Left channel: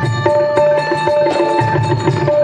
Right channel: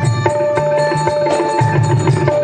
Thank you.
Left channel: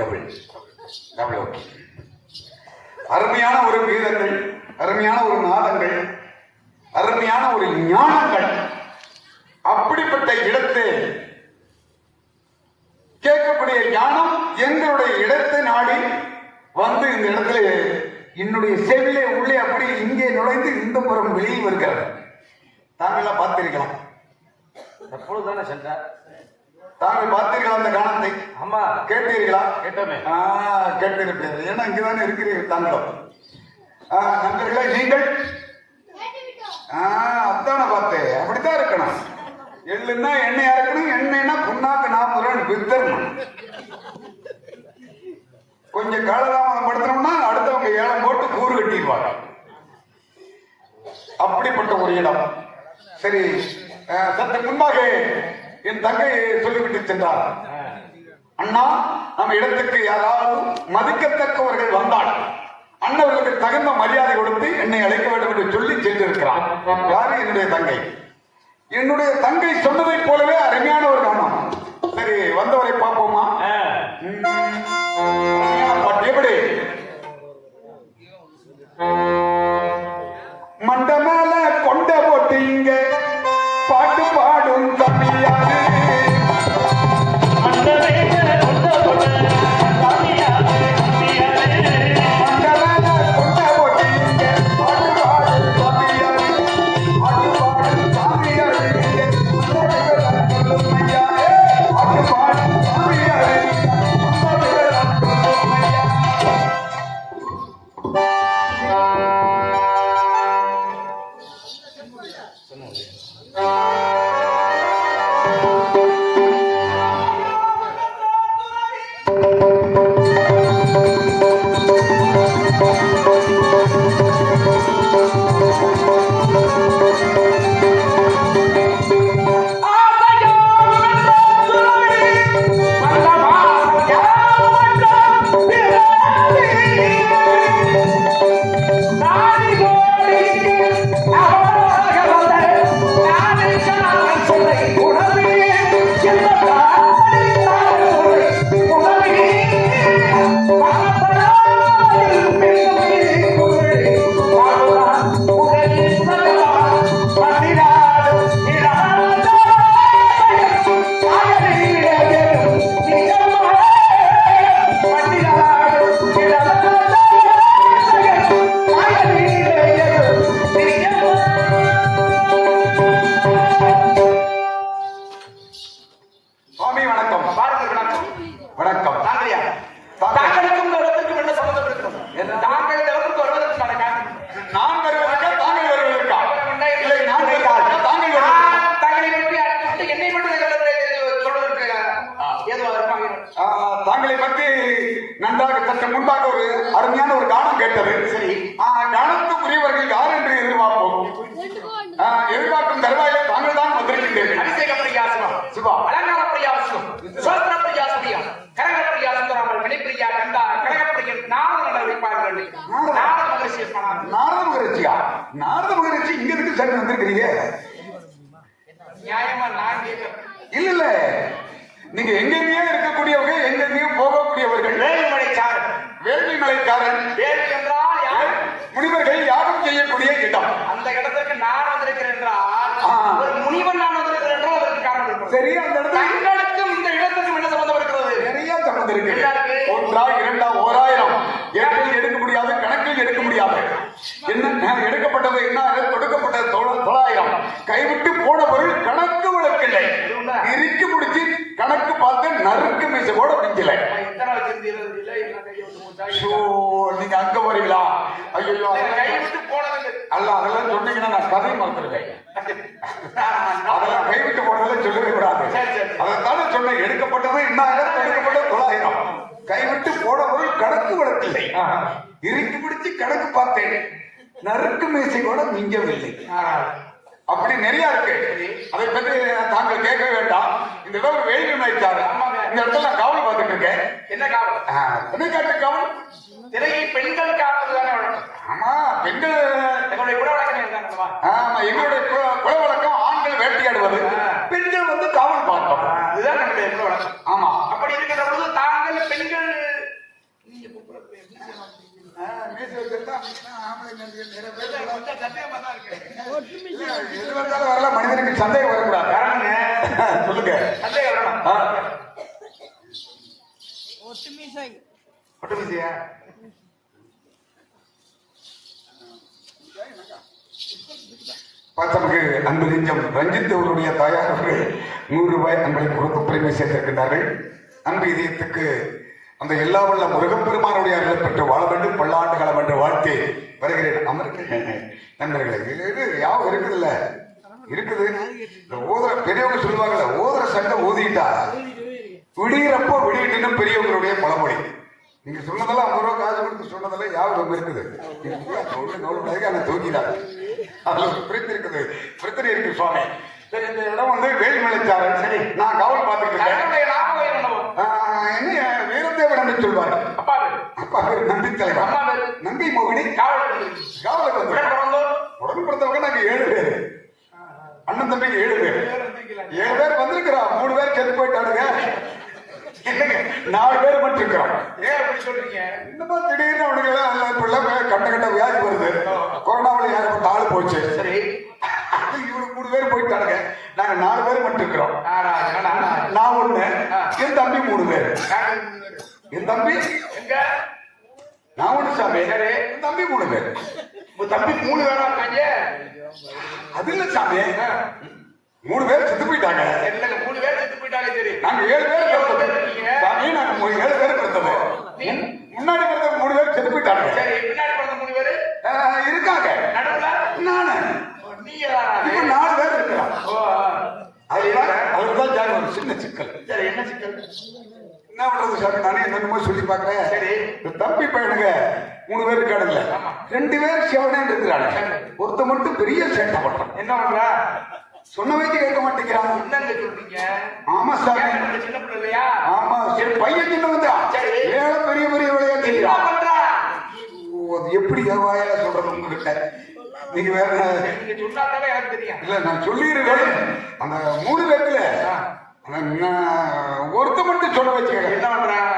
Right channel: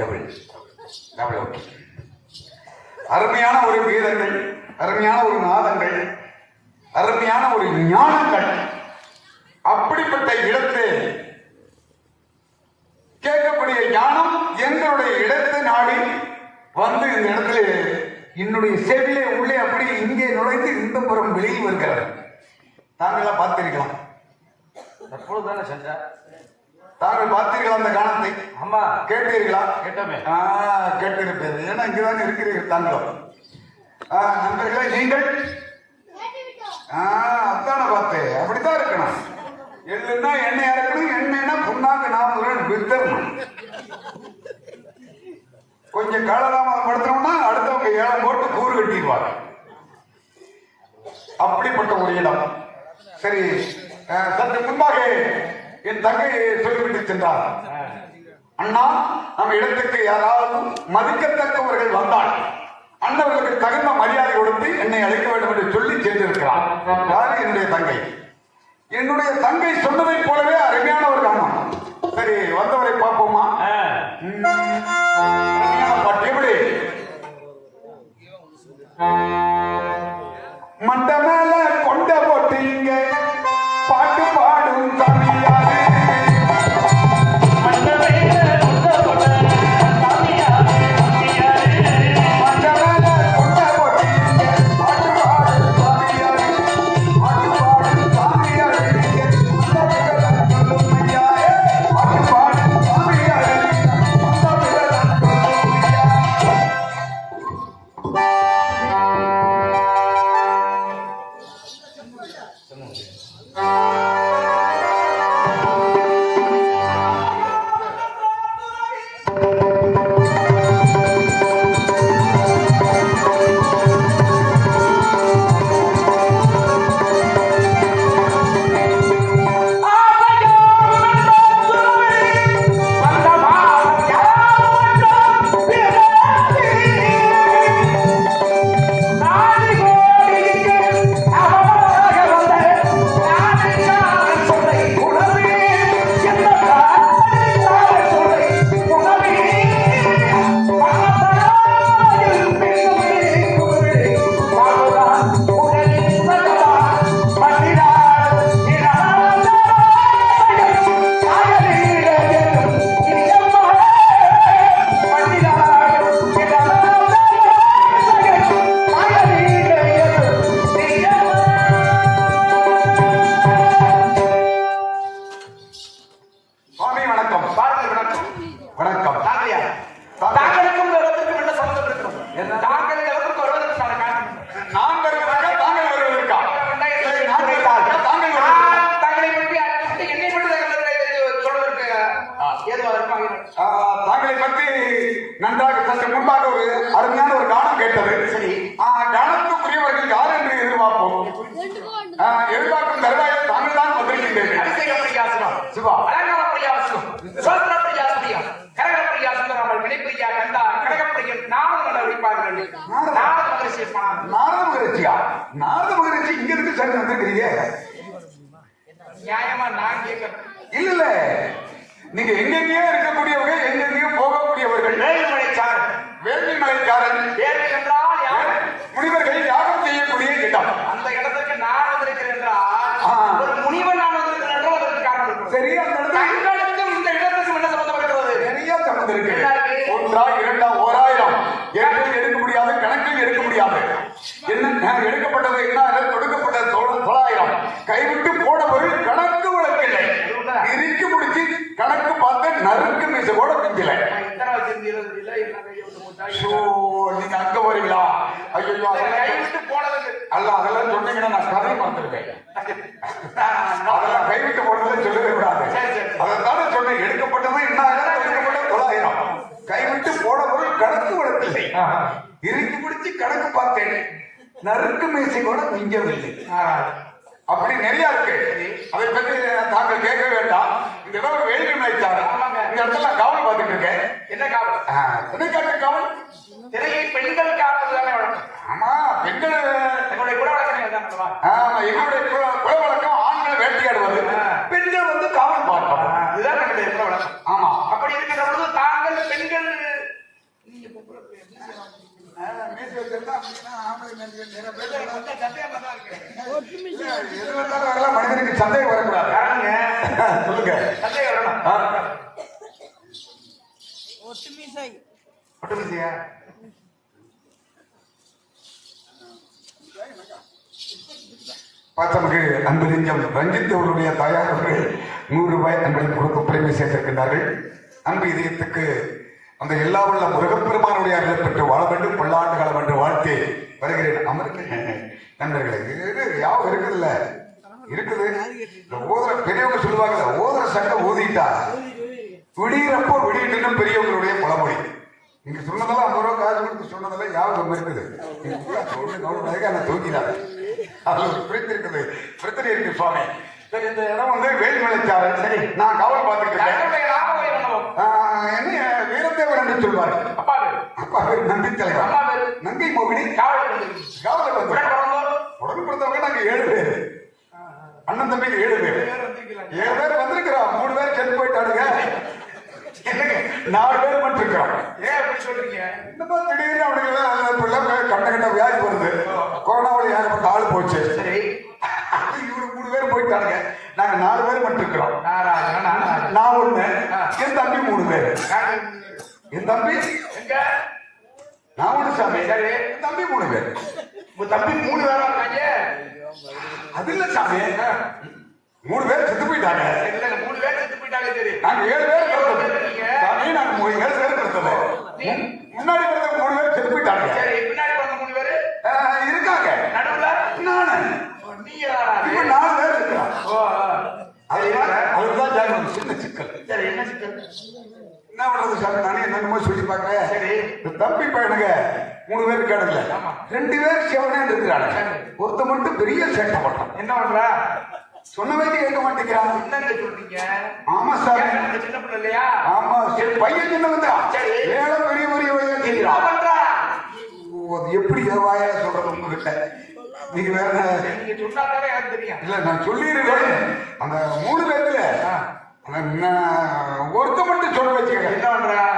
Double அருமையான ஒரு கீதங்கள் அருமையான ஒரு நாதங்கள் அருமையான ஒரு ஞானங்கள் அப்படிப்பட்ட இடத்தை கேட்கக்கூடிய ஞானம் எங்களுடைய இடத்தை நாடி வந்து இந்த இடத்துல என்னுடைய செவிலே உள்ளே அப்படி இங்கே நுழைந்து இந்த புறம் வெளியும் வருகிறது தாங்களா பார்த்திருக்கலாம். எப்பொழுதுதானே சென்ற தாங்கள் பார்த்தீர்களா அந்த கானத்தை அம்மா. கேட்டீர்களா? கேட்டோமே. ஆ, கேட்டிருப்பீர்கள் ஏன்னா இங்கதானே இருக்கிறீர்கள் தாங்கள்? நண்பர்களே நீங்கள்? அதான பார்த்தேன். அப்படித்தான் இருக்கணும். எள்ளுன்னா எண்ணெயா இருக்கணும் எண்ணெய்னா புண்ணாக்கு நாற்பது ரூபாய் வித்தரணும் கொஞ்சம் காலதாமதம் படுத்தணும்னா அடுத்தவங்க ஏழம் போட்டு கூறு கட்டிப்பாங்க. அப்படிப்பட்ட ஒரு இடம். சரி சற்று முன்பாக என் தங்கையை சொல்லிவிட்டு சென்றார். அண்ணா நம்ம இடத்துக்கு யாராவது மதிக்கத்தக்கவர்கள் வந்தால் அண்ணவர்களுக்கு தகுந்த மரியாதை கொடுத்து என்னை அழைக்க வேண்டும் என்று சொல்லி சென்றிருக்கிறார். யாரு என்னுடைய தங்கை? என்னுடைய தங்கை சொன்னதைப் போலவே அருமையான ஒரு கவனம் சரி வந்தவரை பார்ப்போமா? எப்படி? மண்டமே இல்ல இல்ல. நீங்க எங்கெங்கேயோ மிஞ்சவில்லை அப்படி நிறைய இருக்கு. அதை பற்றி தாங்கள் கேட்க வேண்டாம் இந்த இடம் வேள்வி நினைச்சாரு இந்த இடத்துல நான் காவல் பார்த்துட்டு இருக்கேன் என்ன காவல்? என்ன கேட்ட காவல் திரையை பெண்கள் காவல் தானே வழக்கம். ஆமா பெண்கள் எங்களுடைய உடலாக்கமே இதுதான் அல்லவா? ஆமா, எங்களுடைய குல- குல வழக்கம் ஆண்கள் வேட்டையாடுவது பெண்கள் வந்து காவல் பார்ப்பாங்க இதுதான் எங்களுடைய குல வழக்கம். ஆமா அப்படி இருக்கிற பொழுது தாங்கள் பெண்கள் நீங்க கூப்பிடுறது எப்படி செய்யலாம்? கொஞ்சம் சந்தேகமா தான் இருக்கு. எது வந்தாலும் அதெல்லாம் மனிதனுக்கு சந்தேகம் வரக்கூடாது சொல்லுங்க சந்தேகம் வேணும். ஆ. ஒட்டுமீசையா? பாத்தமுக்கு அன்பு நெஞ்சம் ரஞ்சித் அவருடைய தாயார் அவர்கள் நூறு ரூபாய் அன்பை கொடுத்து பெருமை சேர்த்திருக்கிறார்கள் அன்பு இதயத்துக்கு அந்த எல்லா வல்ல முருகப்பெருமானுடைய அருளை பெற்று வாழ வேண்டும் பல்லாண்டு காலம் என்ற வாழ்க்கை வருகிறேன் அமர்க்கு நண்பர்களே யாவும் இருக்குதுல்ல இருக்குது. இந்த ஓதுற பெரியவங்க சொல்லுவாங்க ஓதுற சங்க ஊதிட்டா விடியிறப்போ விடியிட்டு பெரியவங்களுடைய பழமொழி. நீங்க சொன்னதெல்லாம் ஐம்பது ரூபா காசு கொடுத்து சொன்னதெல்லாம் யாவும் இருக்குது. அதை தூக்கிடாது அவங்களுக்கு புரிந்திருக்குது. பிரச்சனை இருக்கு சுவாமி. சரி இந்த இடம் வந்து வேலுமலைச்சாரன் சரி நான் கவலை? ஆஹ், என்ன வீரத்தேவன் என்று சொல்வார்? அப்பா நம்பி தலைவர். நங்கை மோகினி. காவல் உடன் உடன் பிறந்தவங்க நாங்க ஏழு பேர். அண்ணன் தம்பி ஏழு பேர். ஏழு பேர் வந்திருக்கிறோம். மூணு பேர் செத்து போயிட்டாருங்க என்னங்க, நாலு பேர் மட்டும் இருக்கிறோம் ஏன் அப்படி சொல்றீங்க? என்னமோ திடீர்னு அவனுக்கு எல்லாம் இப்ப எல்லாம் கண்ட கண்ட வியாதி வருது. கொரோனாவில் ஏற்பட்ட ஆளு போச்சு. சரி. இவனுக்கு மூணு பேர் போயிட்டாங்க நாங்க நாலு பேர் நாராஜா. நான் ஒண்ணு என் தம்பி மூணு பேர். என் தம்பி? எங்க? நான் ஒண்ணு சாமி. என் தம்பி மூணு பேர். உங்க தம்பி மூணு இருக்காங்க? அது இல்ல சாமி. மூணு பேர் செத்து போயிட்டாங்க. இல்ல, மூணு பேர் செத்து போயிட்டாங்க, சரி. நாங்க ஏழு பேர். சாமி நாங்க மூணு ஏழு பேர் பிறந்தது முன்னாடி பிறந்த மூணு பேர் செத்து போயிட்டாங்க. சரி, பின்னாடி பிறந்த மூணு பேரு? இருக்காங்க. நடுவுல? நானு. நீங்க நாலு பேர் இருக்கிறோம் ஓ, அதுதான் அதுதான் ஜாதி ஒரு சின்ன சிக்கல். சரி, என்ன சிக்கல்? என்ன பண்றது சாமி? நானே என்னமோ சொல்லி பாக்குறேன் சரி. தம்பி பையனுங்க மூணு பேர் இருக்கானுங்க ரெண்டு பேர் சிவனே இருக்கிறாங்க ஒருத்த மட்டும் பெரிய சேட்டை பண்றான் என்ன பண்ற? சொன்ன வைக்க கேட்க மாட்டேங்கிறான் என்னங்க சொல்றீங்க? ஆமா இந்த சின்ன பிள்ளை இல்லையா? ஆமா சரி பையன் சின்ன வந்தா சரி. ஏழை பெரிய பெரிய விளையா என்ன தெரியும் பண்ற? எப்படி வாயா சொல்றது உங்ககிட்ட நீங்க வேற சொன்னாலே எனக்கு தெரியும். இல்ல நான் சொல்லியிருக்கேன் அந்த மூணு பேர்ல ஒருத்த மட்டும் சொல்ல வச்சுக்கேன் என்ன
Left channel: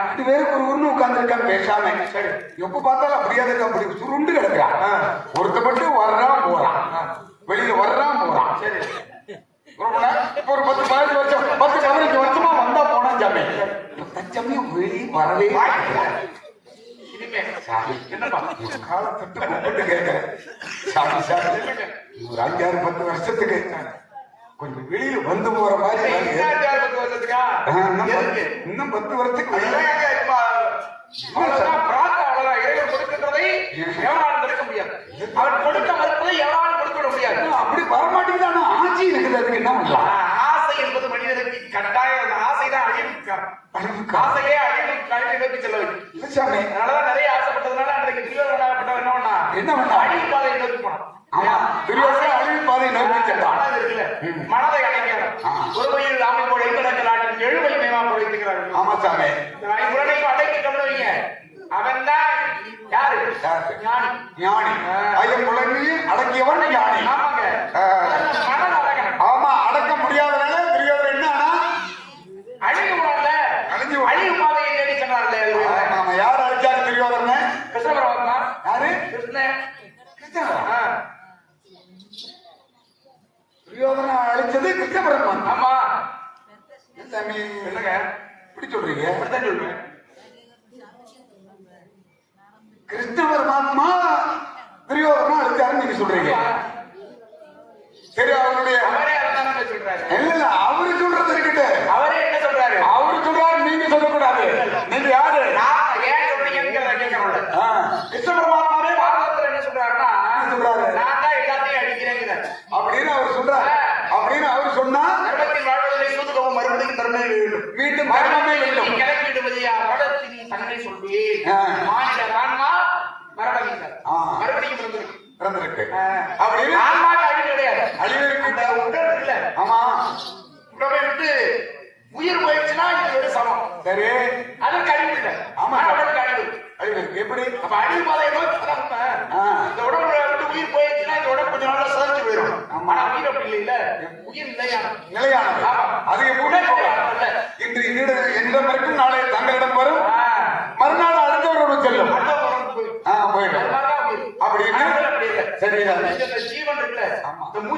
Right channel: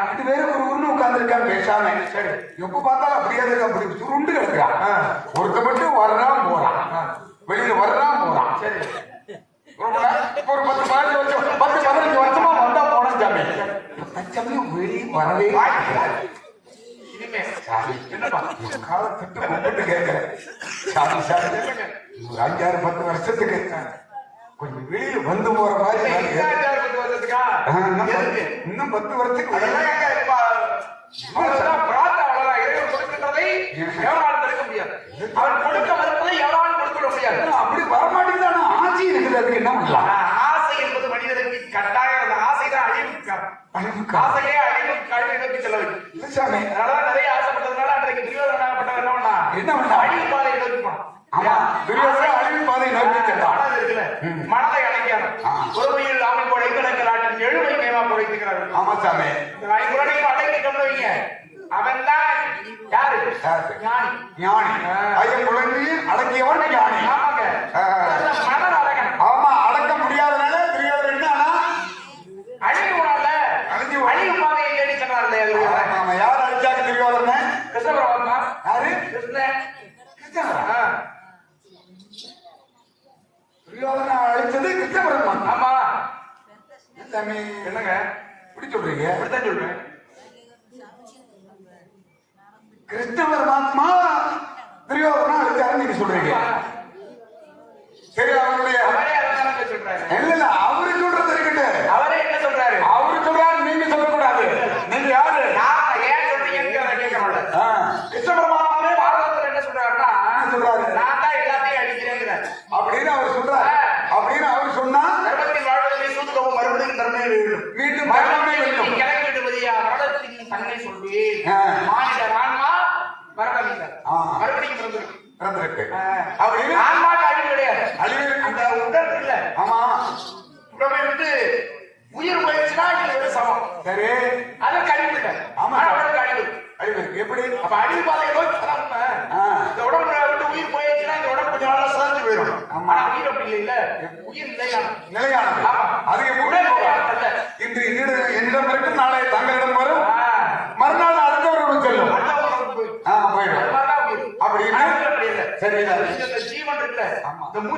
ரெண்டு பேருக்கு உருண்டு ஊர்னு பேசாம. சரி எப்ப பார்த்தா அப்படியே இருக்கு அப்படி சுருண்டு கிடக்குறான். ஒருத்த மட்டும் வர்றான் போறான். வெளியில வர்றான் போறான். சரி. ஒரு பத்து பதினஞ்சு பத்து பதினஞ்சு வருஷமா வந்தா போனா ஜாமி தச்சமே வெளியே வரவே காலத்துக்கு கேட்கிறேன். ஒரு அஞ்சாறு பத்து வருஷத்துக்கு. கொஞ்சம் வெளியே வந்து போற மாதிரி இன்னும் பத்து வருஷத்துக்கு அப்படி வரமாட்டேங்குது ஆட்சி இருக்குது அதுக்கு என்ன பண்ணலாம்? ஆசை என்பது மனிதனுக்கு கட்டாயம். ஆசைதான் அழிவுக்கு. ஆசையே அழிவுக்கு அழிவுக்கு செல்வது அதனாலதான் நிறைய என்ன பண்ணா அழிவு பாதையில் இருப்பான்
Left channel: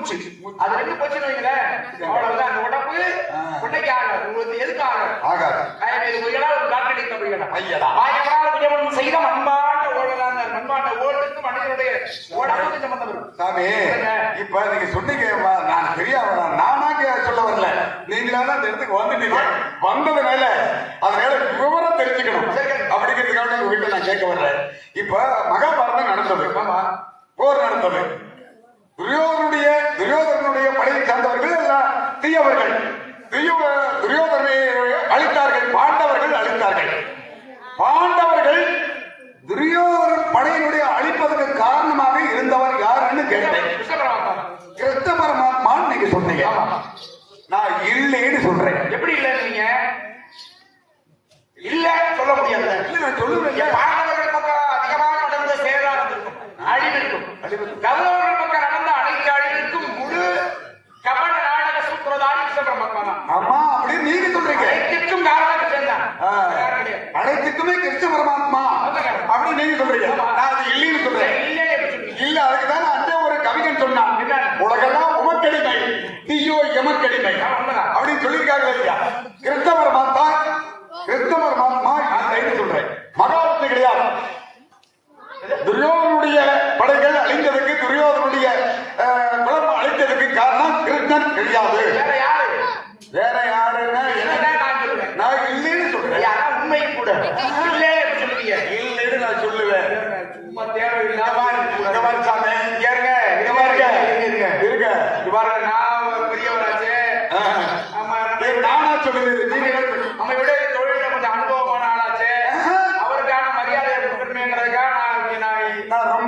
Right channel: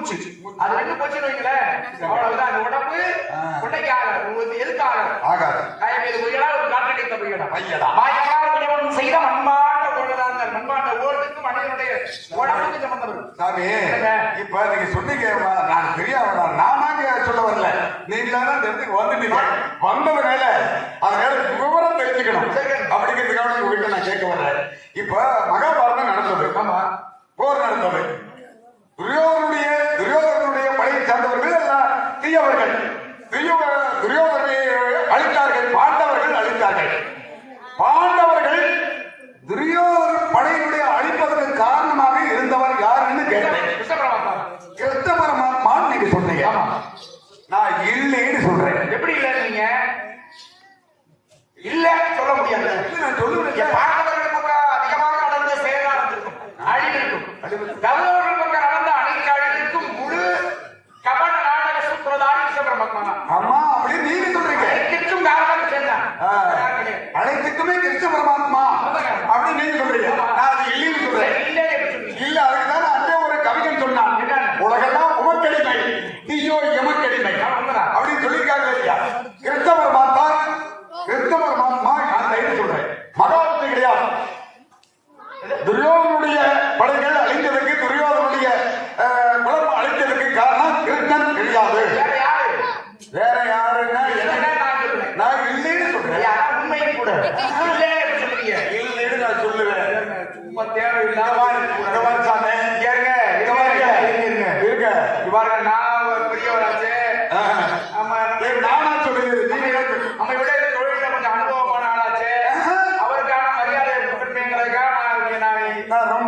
மூச்சு அது ரெண்டு பிரச்சனை உடம்பு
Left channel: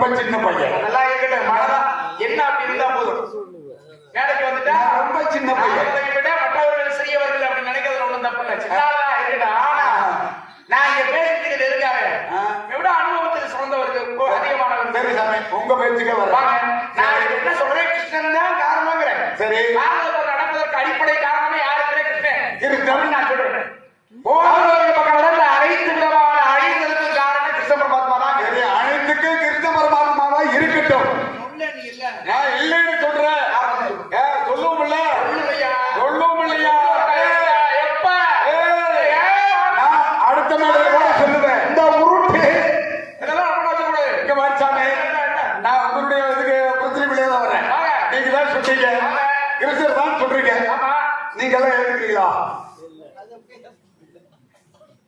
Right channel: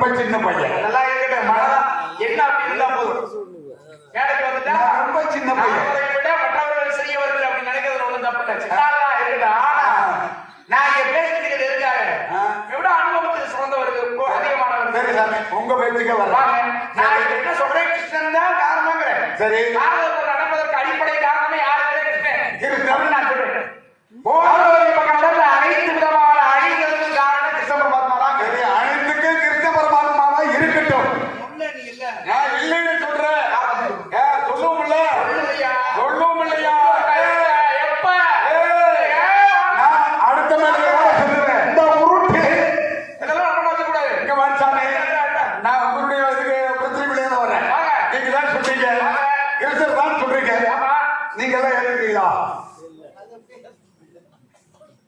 we're taking them with.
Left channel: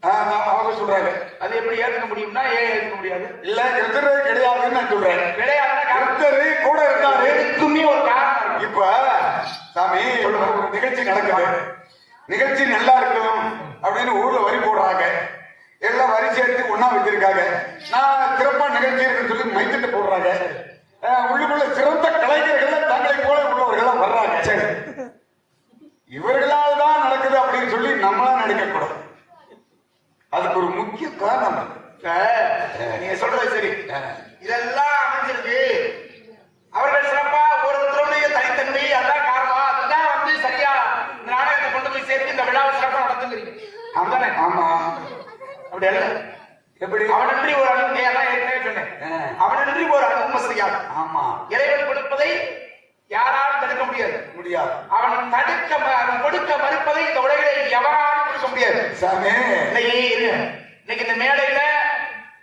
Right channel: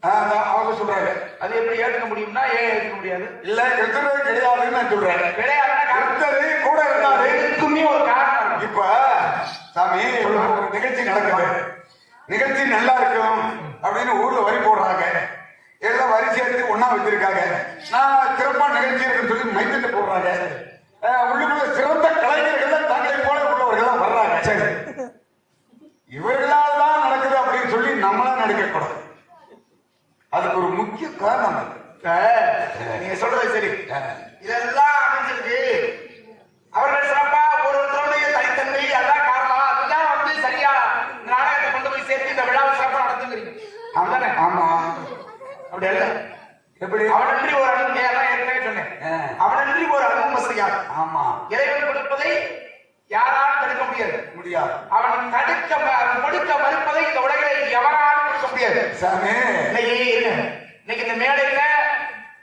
அவங்க சொல்றாங்க. அது எப்படி ஏற்க முடியும்னா ஏன் ஏற்க முடியாது? இல்ல எத்தனை கிடையாதுன்னு சொல்றாரு கிடையாது கூட இருந்தாரு துணி இப்ப சாமி நிகழ்ச்சி நடக்குது. நிகழ்ச்சி நல்லா இருக்கும் அப்படின்னு அவன் தடுக்க அவன் கொடுக்க மறுப்பதை இந்த உலகில் எவராலும் இந்த மேடையில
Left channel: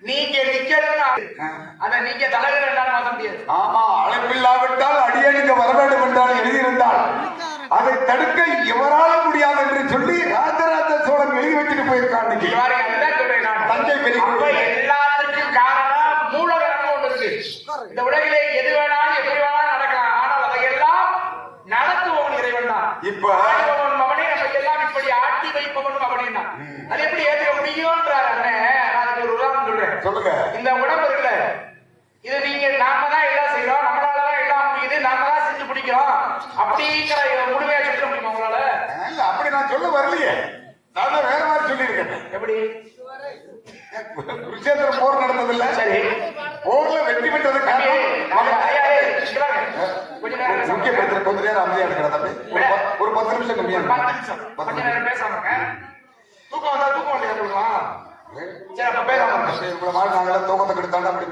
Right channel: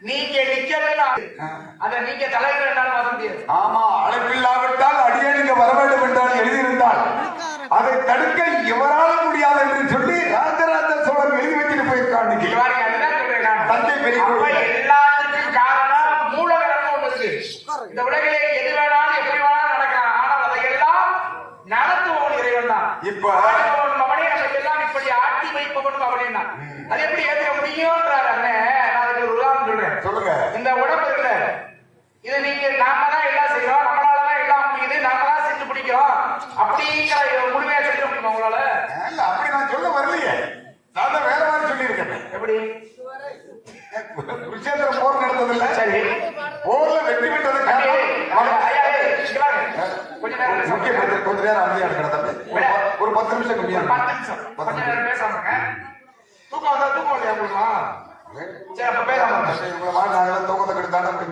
நீங்க நிக்கிறதா அதை நீங்க தலை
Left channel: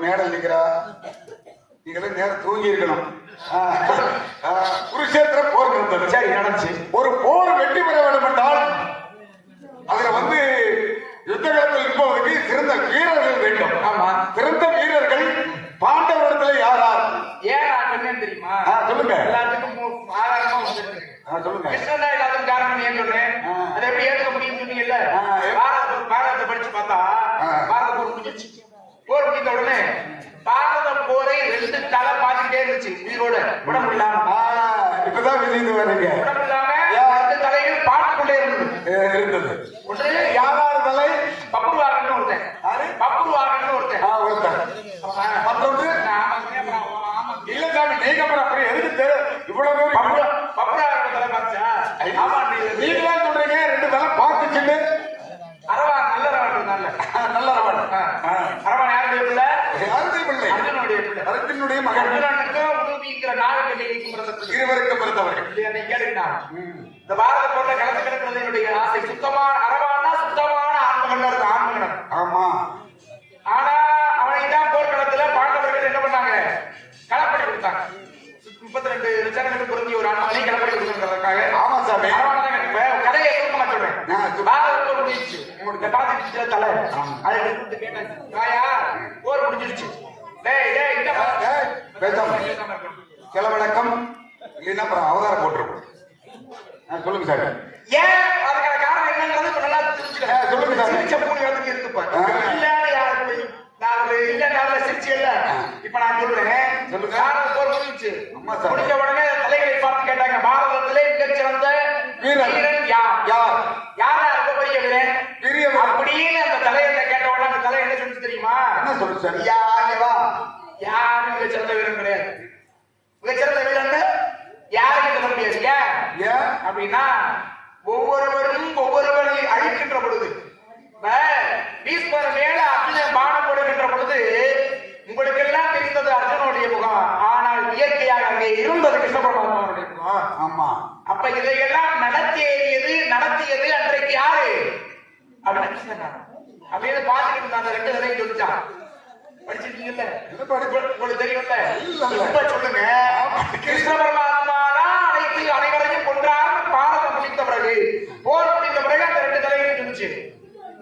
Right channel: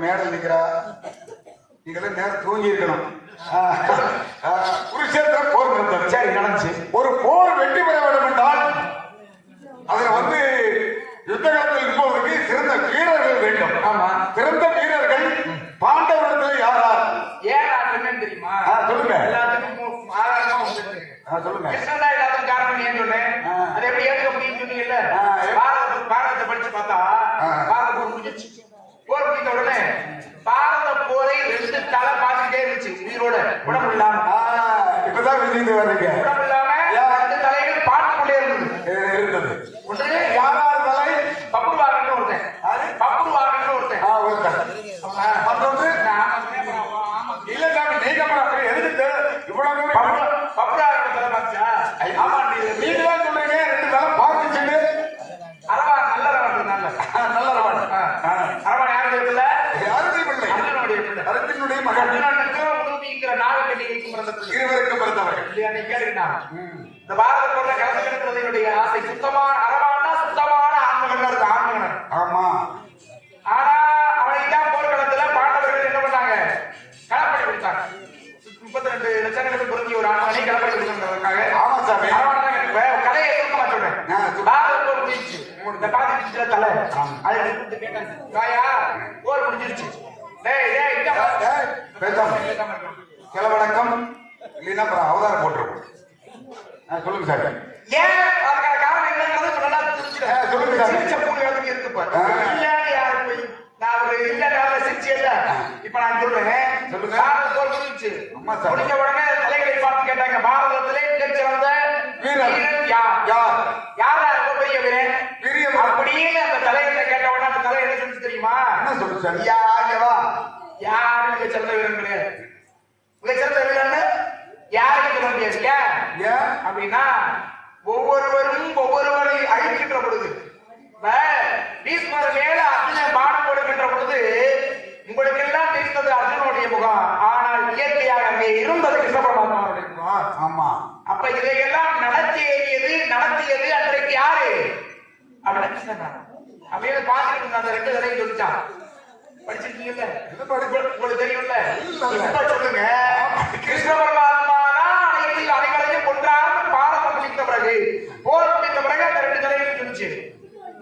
மேடல் நிக்கிறா நீங்க நேரம் தூங்கி இருக்கணும்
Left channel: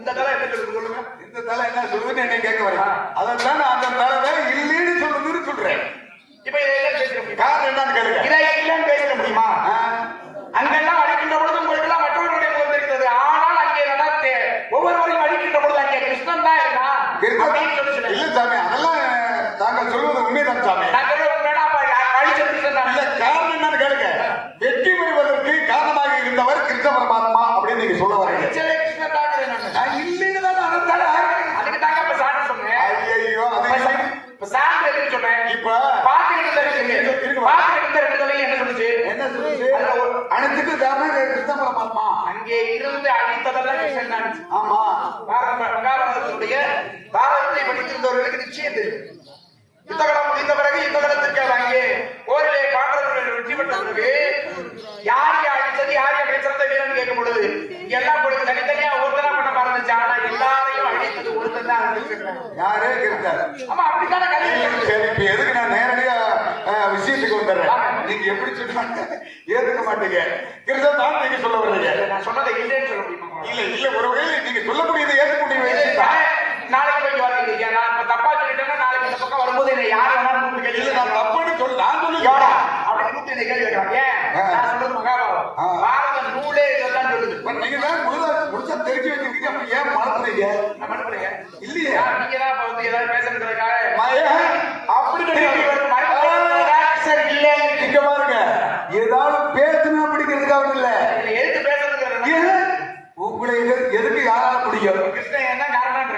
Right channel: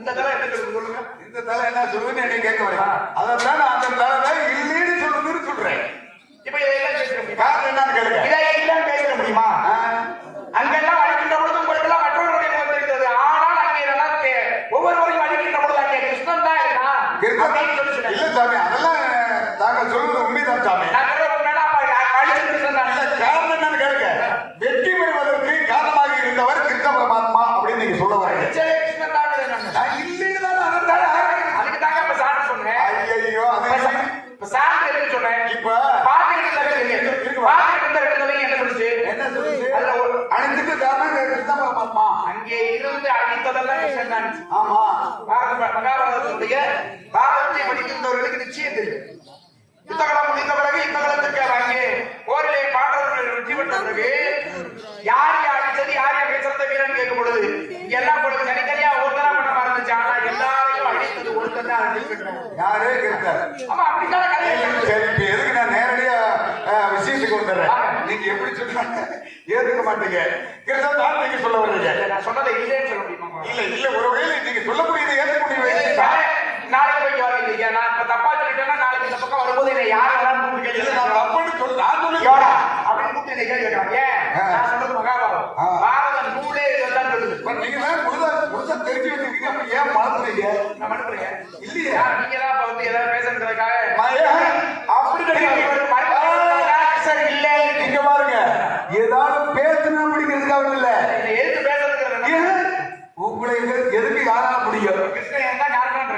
இந்த கலை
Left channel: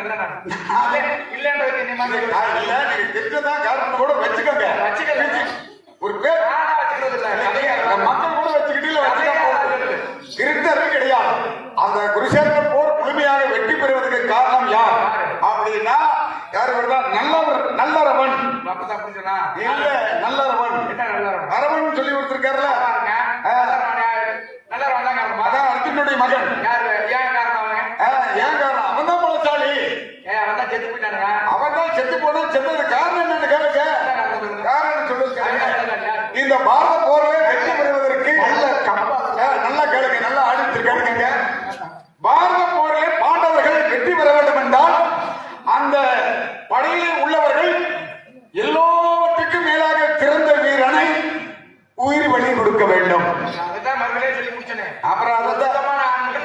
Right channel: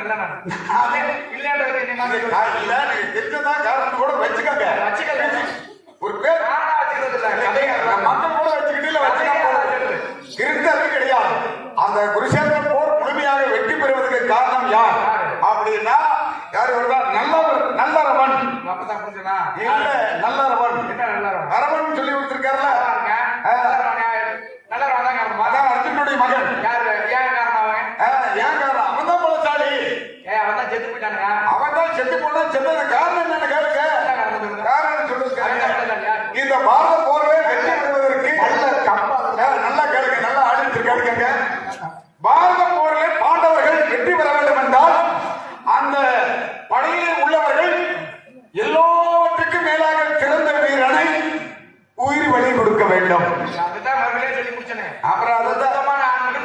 இல்லைன்னா இல்லைன்றது பிரச்சனை அப்புறம்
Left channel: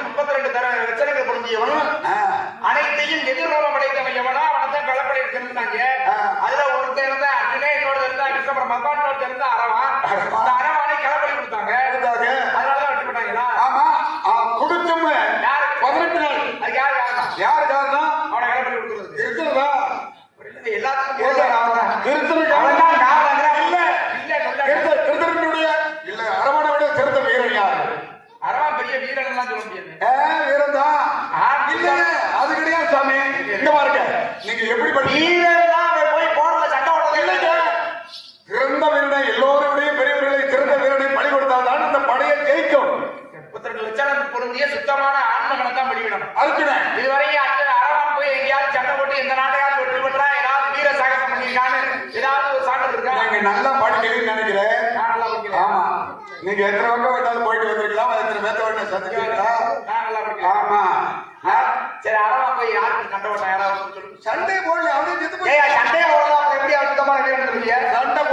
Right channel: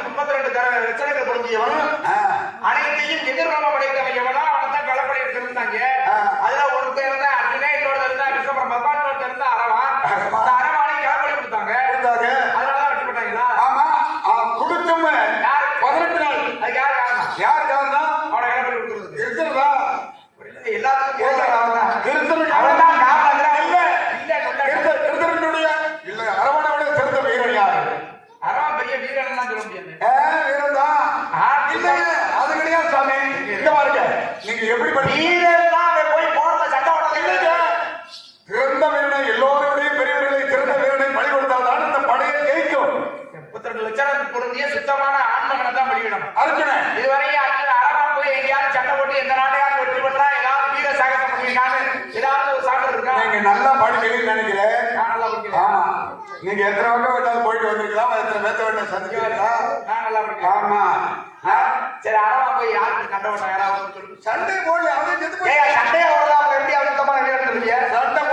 முப்பத்தி ரெண்டு தர எச்சரிக்கை புரிஞ்சியவனும் படிக்கிறீங்கன்னு நீங்க எத்தனை வட்டம் போயிட்டு வந்துருக்கலாம் எத்தனை பேர்த்த வேண்டாம் ஆமா. போய் சண்டை சண்டை போடல. அவன் செத்து போய் சண்டையை ஓடலாம் கம்பி அழுத்தமான கேட்டு சண்டை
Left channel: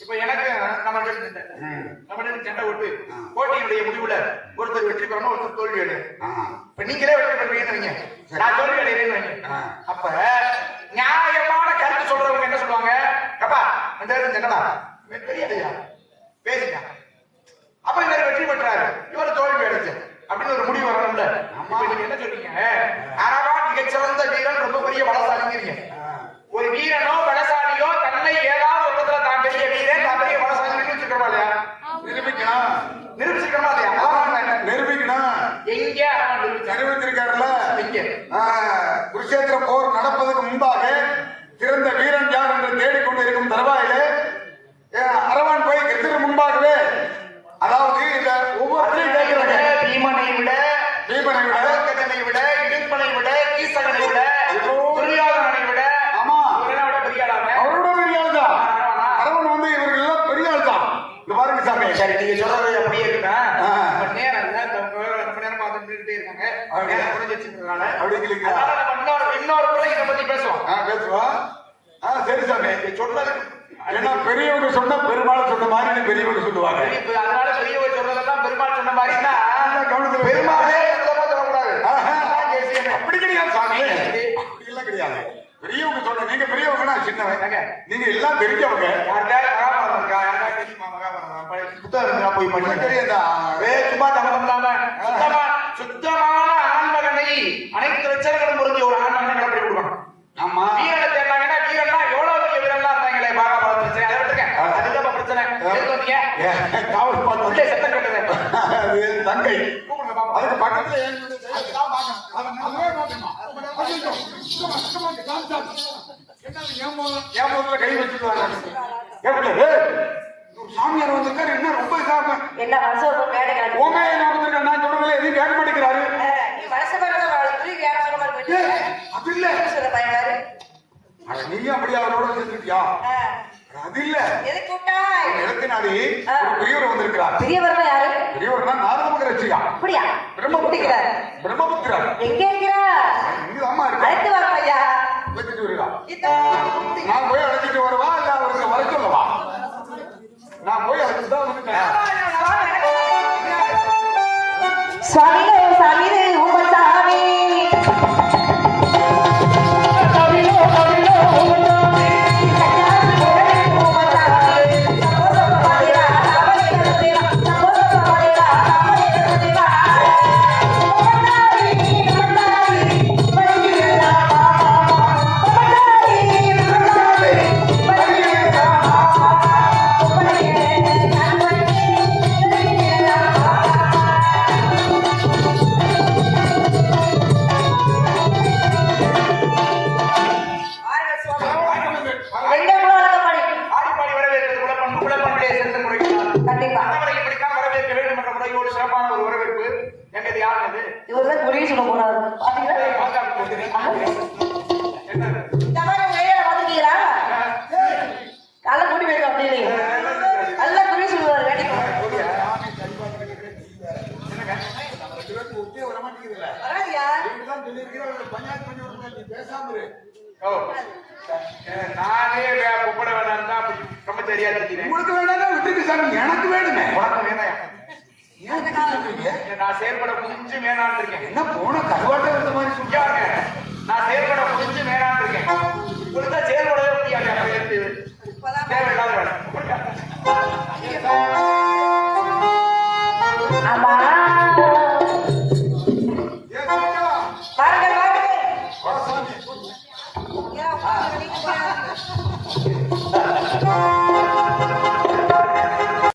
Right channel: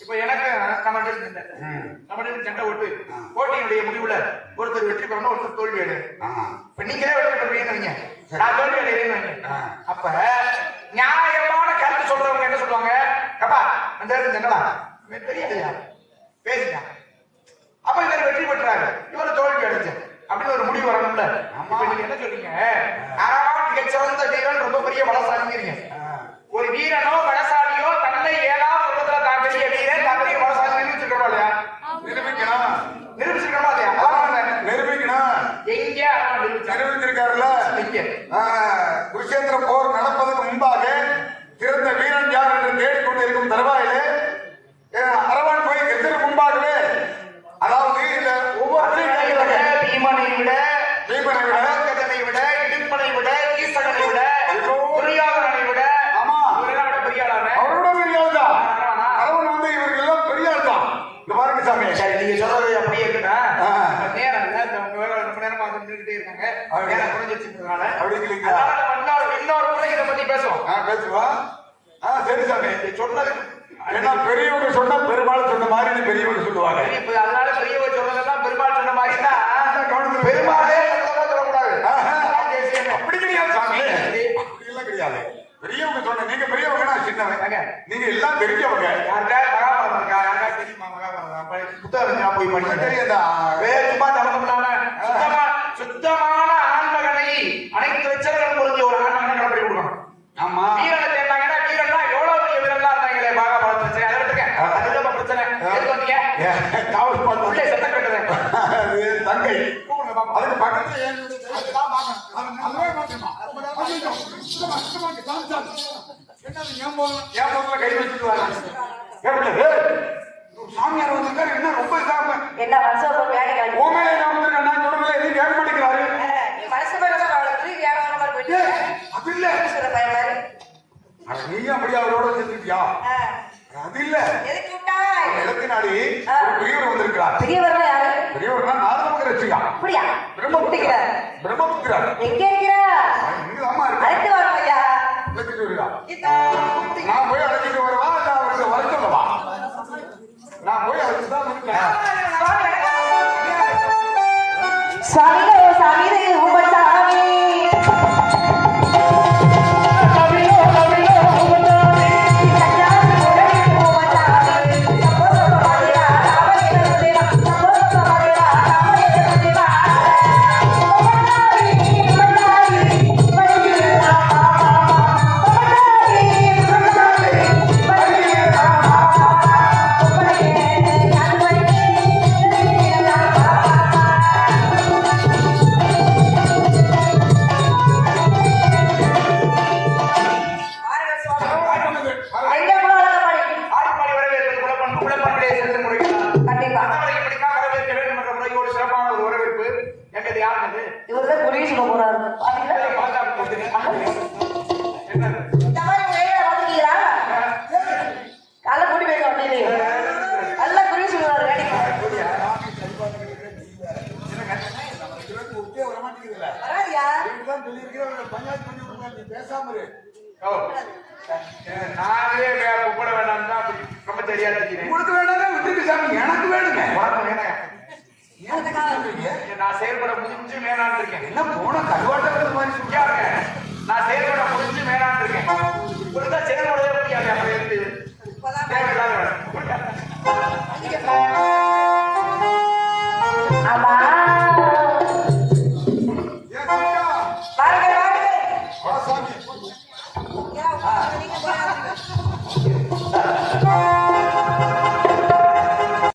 இப்ப எனக்கு நம்ம நம்ம சண்டை ஓட்டு போட்டியினுடைய முடிவுல ஒருத்தர் வெற்றி பெறணும் ஒருத்தர் தோல்வி அடைய ஏன் ஏன் பாப்பா கை வச்சுருவாங்க சாமியார் என்ன ரொம்ப இதாம என்ன மனசோட ஓமே நாமத்துல நான் சொல்றதுல எதையும் நேரம் பண்ணிக்கிறாரு மனசு அது இல்ல. நீ அப்படி அவரோட இருந்திருக்கியா அது இல்ல. எதுக்குனாடி பெரியவர் வந்திருக்கிறார். பெரியவர் பெரியவர் நாதமுத்திர வச்சுக்கா அப்படியா? பிரம்மபுத்திரா பிரம்மபுத்திரா எங்கே? My will 지 먹으라고.